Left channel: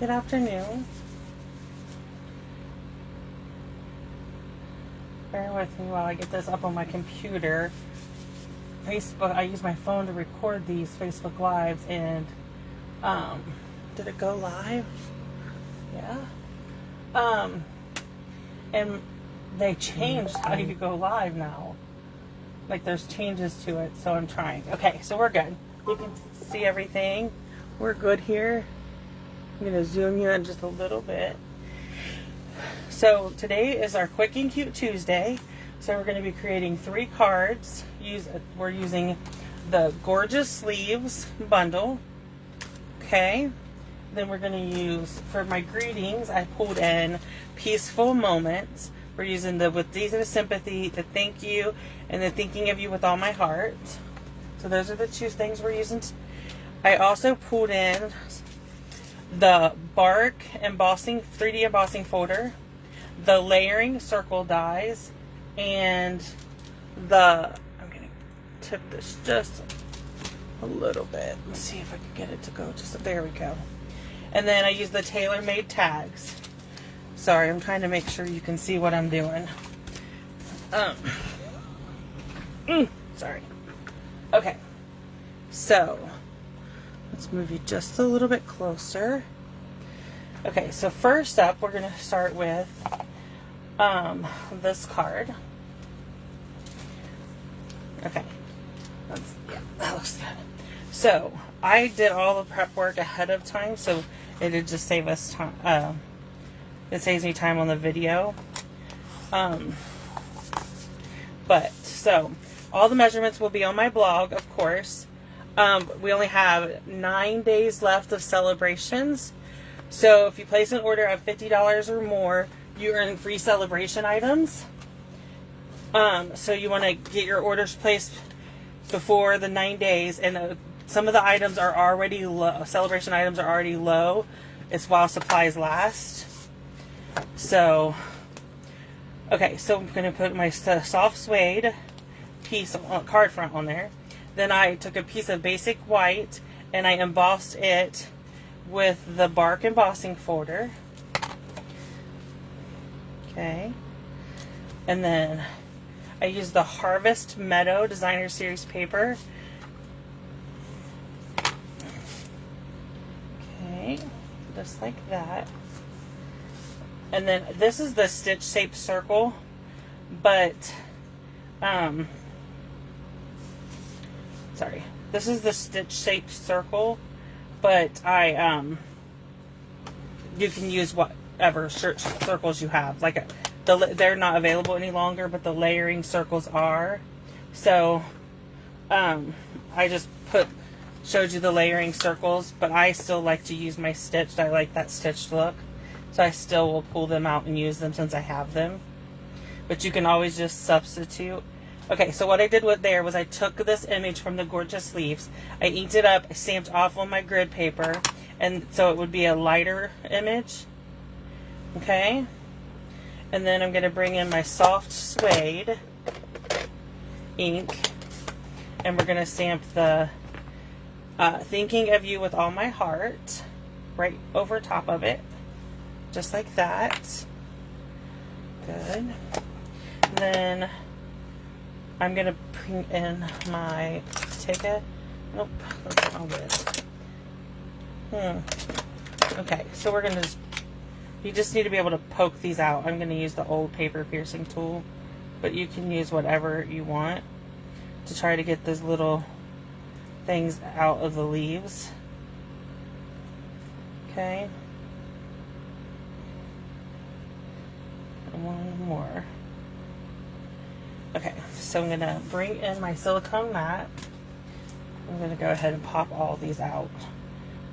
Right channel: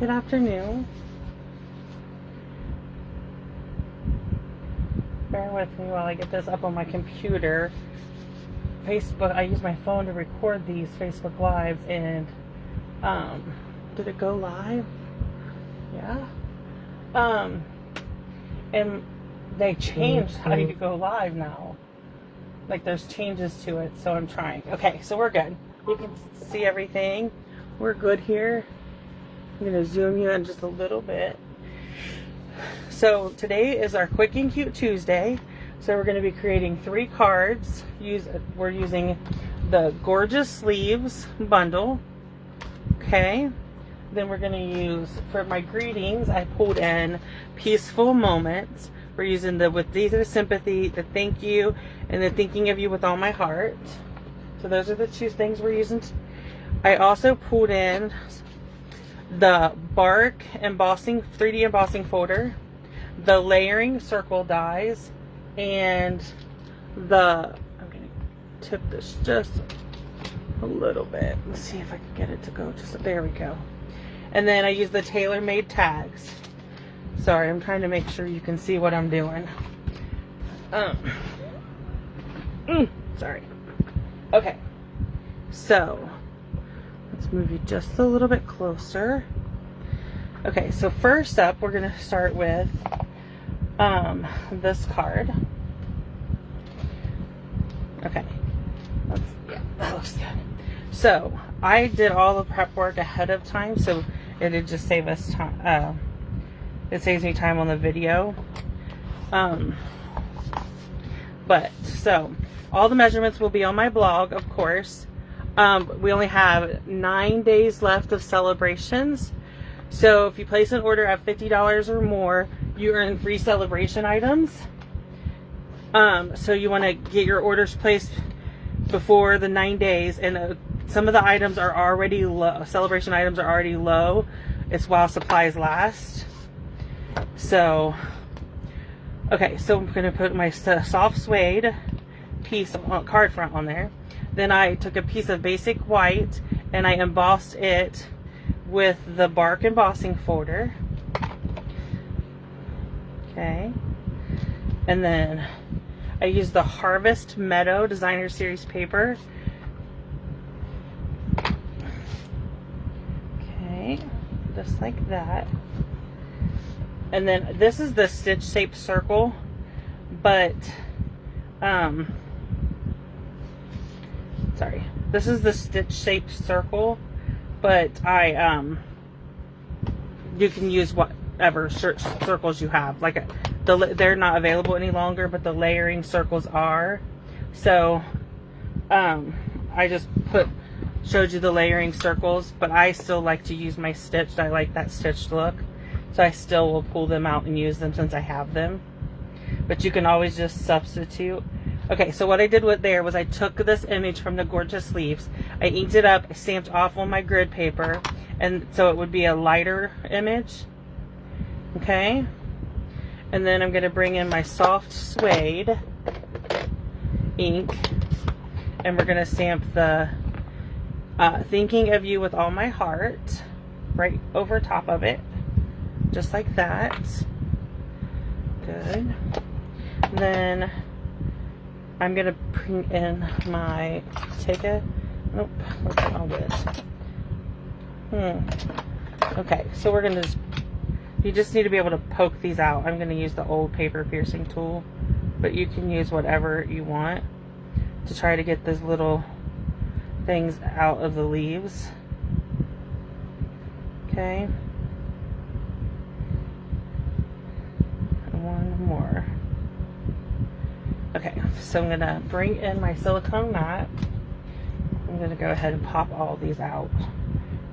Good afternoon. Bear with me while I get this up on my computer. Facebook, I use my phone to record these Facebook Lives, and did it go live? Yeah. And they changed how you go live now. Like there's changes to it, so I'm trying. Okay, so we're good. You can see everything. We're good here. I'm gonna zoom you in just a little bit. So today is our Quick and Cute Tuesday. So we're gonna be creating 3 cards. We're using the Gorgeous Sleeves bundle. Okay. Then we're gonna use, for my greetings, I pulled in Peaceful Moments. We're using the With Deep Sympathy, the Thank You, and the Thinking of You with All My Heart. So those are the 2 things we're using. I also pulled in the Bark embossing, 3D embossing folder, the layering circle dies, and I'm going to tip this just a little bit. Let's see if I can get it to go just, there we go. And then I use the tailor-made tags. Sorry, I'm trying to make sure you can see what I'm doing. Sorry. Okay. So, let's move you just a little bit closer. Okay, so first up, we're going to start with this card. Okay. Yeah, that looks good. So, I did all the prep work ahead of time, so it'd just save us time. It saves me time on the video. So all the measurements will be on my blog, of course. We only have 9 days left of celebrations. So if you place an order at $50 or more, you earn free celebration items. So you want to get your orders placed before the 9 days, and some of the items are already low. Celebration items are already low. It's while supplies last. So, okay, so I'm going to put my soft suede piece of card front on there. Then I took a piece of basic white and I embossed it with the Bark embossing folder. Okay. And then I used the Harvest Meadow Designer Series paper. Okay, just like that. And then this is the stitch shaped circle, but sorry, this is the stitch shaped circle, but you can use whatever circles you have. Like they're not available any longer, but the layering circles are. So I just showed you the layering circles, but I still like to use my stitched. I like that stitched look. So I still will pull them out and use them since I have them. But you can always just substitute. Okay, so what I did with there was I took this image from the Gorgeous Sleeves. I inked it up, stamped off on my grid paper, and so it would be a lighter image. Okay? And then I'm going to bring in my soft suede ink, and we're going to stamp the Thinking of You with All My Heart right over top of it. Just like that. Good. Then I'm going to bring in my, nope, that's not good. Okay, so we're going to you just need to be able to poke these out. I'm going to use the old paper piercing tool, but you can use whatever you want to try to get those little things out of the leaves. Okay. One more. Okay, so I'm going to bring in my silicone mat. I'm going to go ahead and pop all these out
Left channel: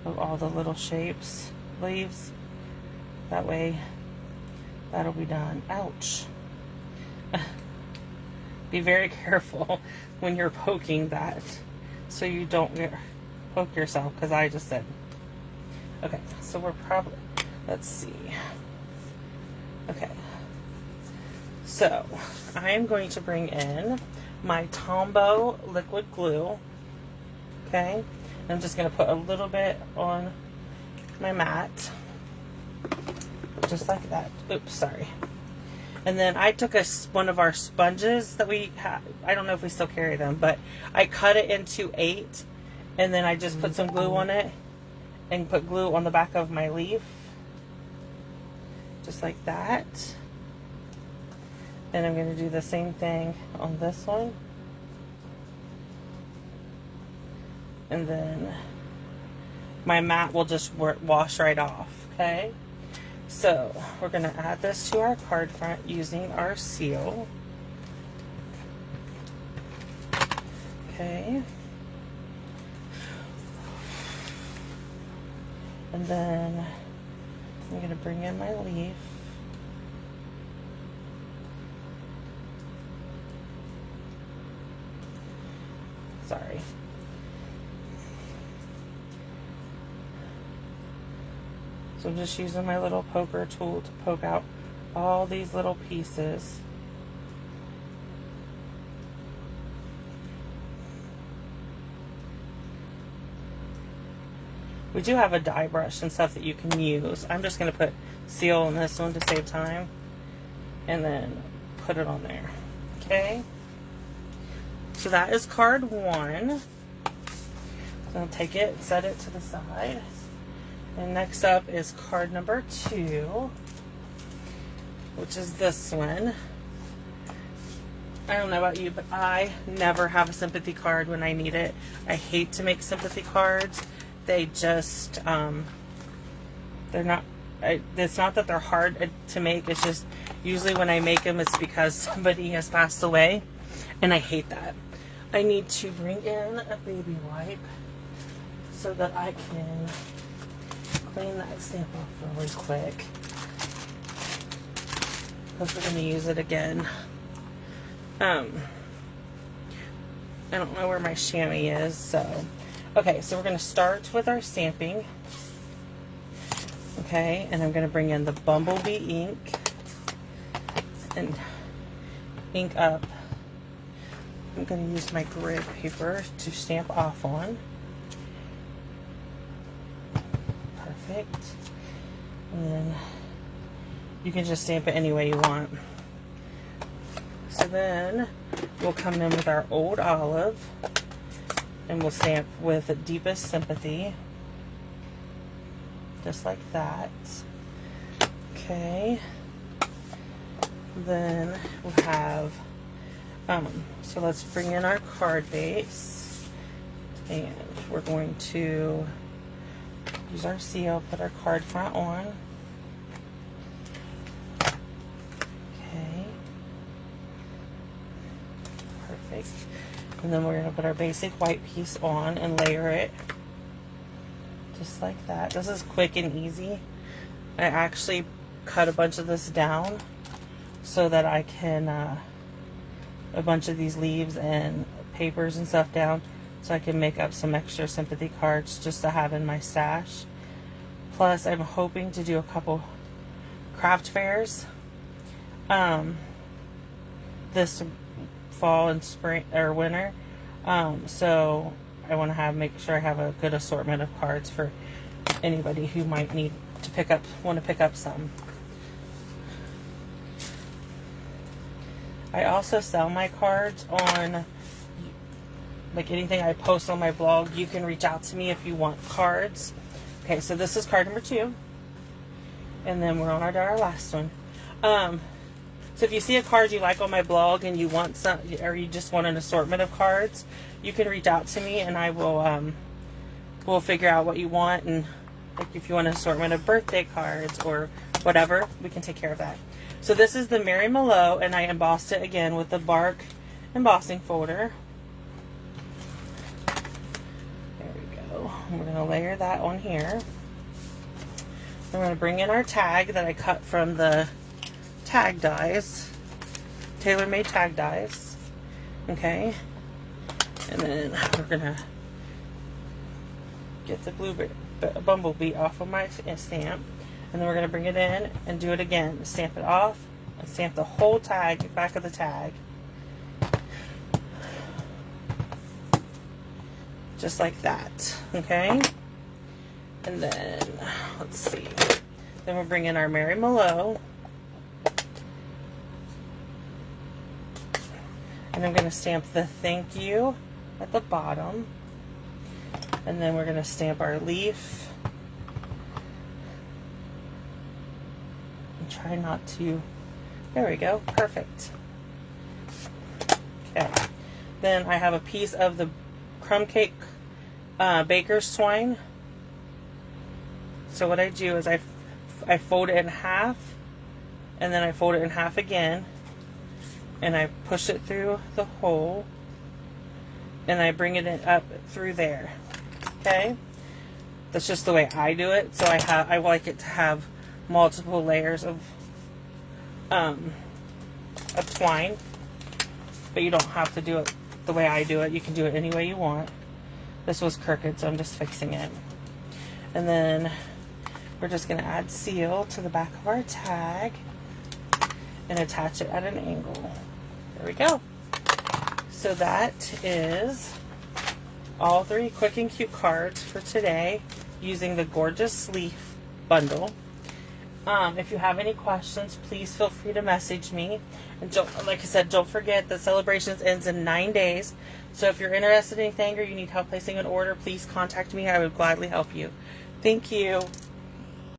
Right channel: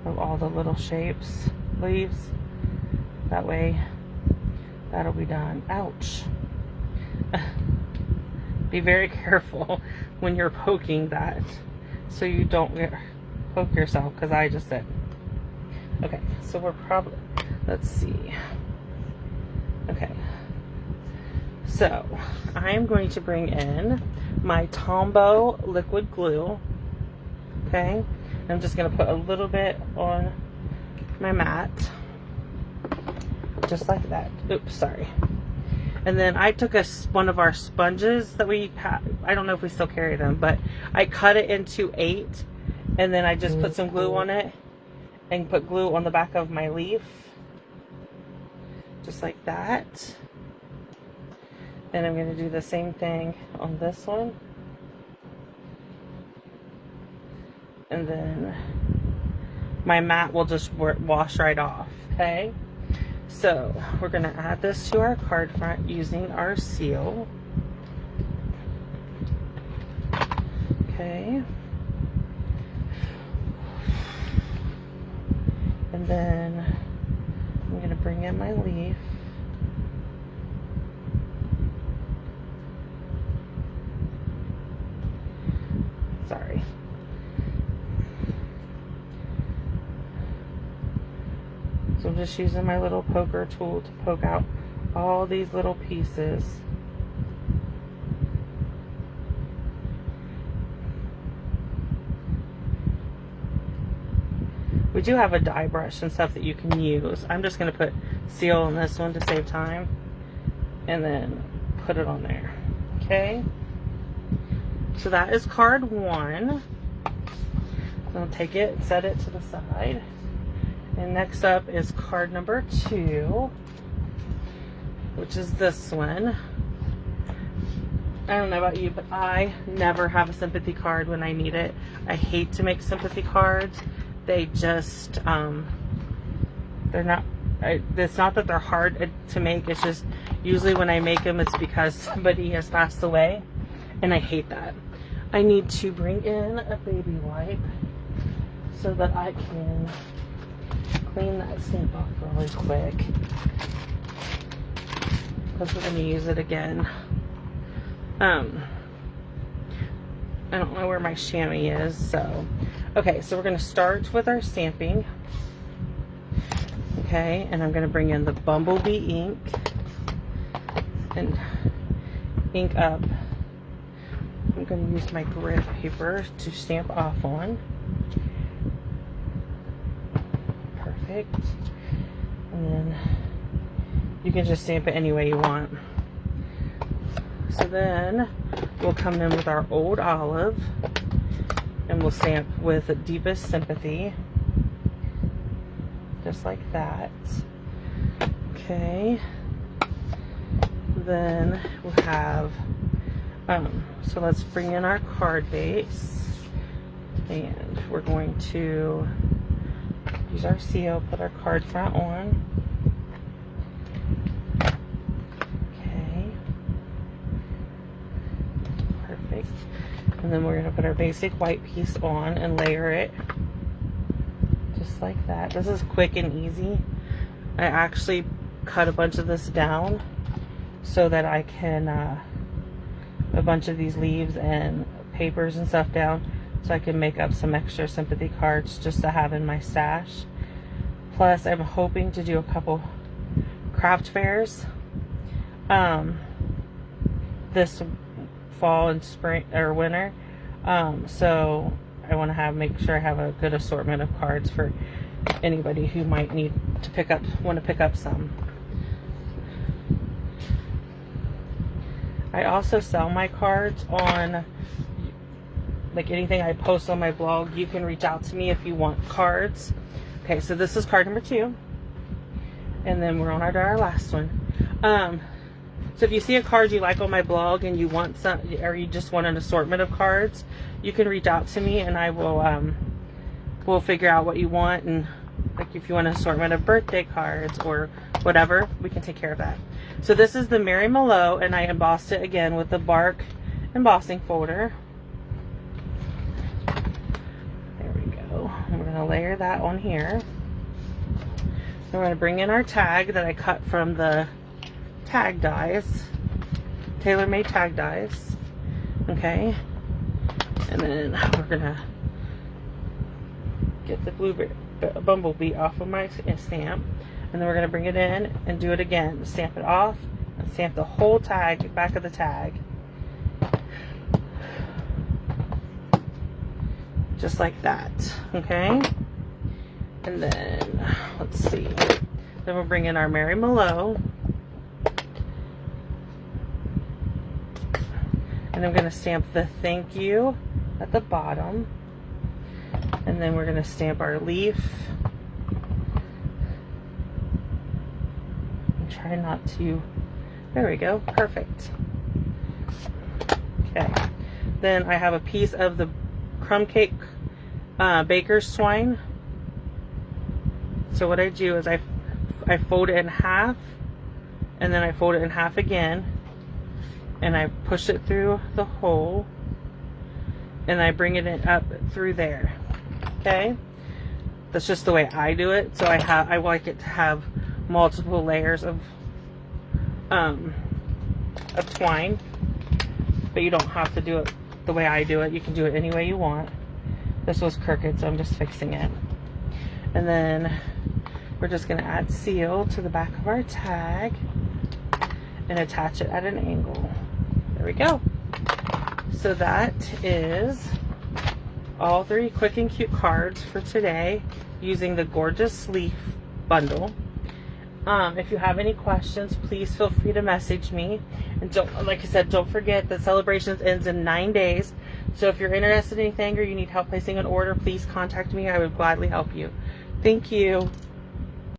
of all the little shapes, leaves. That way, that'll be done. Ouch. Be very careful when you're poking that so you don't poke yourself, because I just said. Okay, so we're probably, let's see. Okay. So, I'm going to bring in my Tombow liquid glue. Okay, I'm just going to put a little bit on my mat. just like that. Oops, sorry. And then I took one of our sponges that we have. I don't know if we still carry them, but I cut it into 8, and then I just put some glue on it and put glue on the back of my leaf, just like that. And I'm going to do the same thing on this one. And then my mat will just wash right off, okay? So we're going to add this to our card front using our seal. Okay. And then I'm going to bring in my leaf. Sorry. So I'm just using my little poker tool to poke out all these little pieces. We do have a dye brush and stuff that you can use. I'm just going to put seal on this one to save time, and then put it on there. Okay. So that is card 1. I'm going to take it, set it to the side. And next up is card number 2, which is this one. I don't know about you, but I never have a sympathy card when I need it. I hate to make sympathy cards. They just, they're not, it's not that they're hard to make. It's just usually when I make them, it's because somebody has passed away. And I hate that. I need to bring in a baby wipe so that I can clean that stamp off really quick, because we're going to use it again. I don't know where my chamois is, so okay, so we're going to start with our stamping. Okay, and I'm going to bring in the Bumblebee ink and ink up. I'm going to use my grid paper to stamp off on. Perfect. And then you can just stamp it any way you want. So then we'll come in with our Old Olive, and we'll stamp with Deepest Sympathy, just like that. Okay. Then we'll have so let's bring in our card base, and we're going to use our seal, put our card front on. Okay. Perfect. And then we're going to put our basic white piece on and layer it just like that. This is quick and easy. I actually cut a bunch of this down so that I can a bunch of these leaves and papers and stuff down so I can make up some extra sympathy cards just to have in my stash. Plus, I'm hoping to do a couple craft fairs this fall and spring or winter. So I want to make sure I have a good assortment of cards for anybody who might need to want to pick up some. I also sell my cards on, like, anything I post on my blog. You can reach out to me if you want cards. Okay, so this is card number 2. And then we're on our last one. So if you see a card you like on my blog and you want some, or you just want an assortment of cards, you can reach out to me and I will, we'll figure out what you want. And like if you want an assortment of birthday cards or whatever, we can take care of that. So this is the Mary Mallow, and I embossed it again with the bark embossing folder. There we go. We're going to layer that on here. We're going to bring in our tag that I cut from the tag dies, tailor-made tag dies. Okay. And then we're going to get the bumblebee off of my stamp. And then we're going to bring it in and do it again. Stamp it off and stamp the whole tag, back of the tag. Just like that. Okay? And then, let's see. Then we'll bring in our Mary Mallow. And I'm going to stamp the thank you at the bottom. And then we're going to stamp our leaf. And try not to, there we go, perfect. Okay. Then I have a piece of the crumb cake baker's twine. So what I do is I fold it in half, and then I fold it in half again, and I push it through the hole, and I bring it up through there. Okay, that's just the way I do it. So I like it to have multiple layers of twine, but you don't have to do it the way I do it. You can do it any way you want. This was crooked, so I'm just fixing it. And then we're just going to add seal to the back of our tag and attach it at an angle. There we go. So that is all 3 quick and cute cards for today using the gorgeous leaf bundle. If you have any questions, please feel free to message me. And don't, like I said, don't forget that Celebrations ends in 9 days. So if you're interested in anything or you need help placing an order, please contact me. I would gladly help you. Thank you.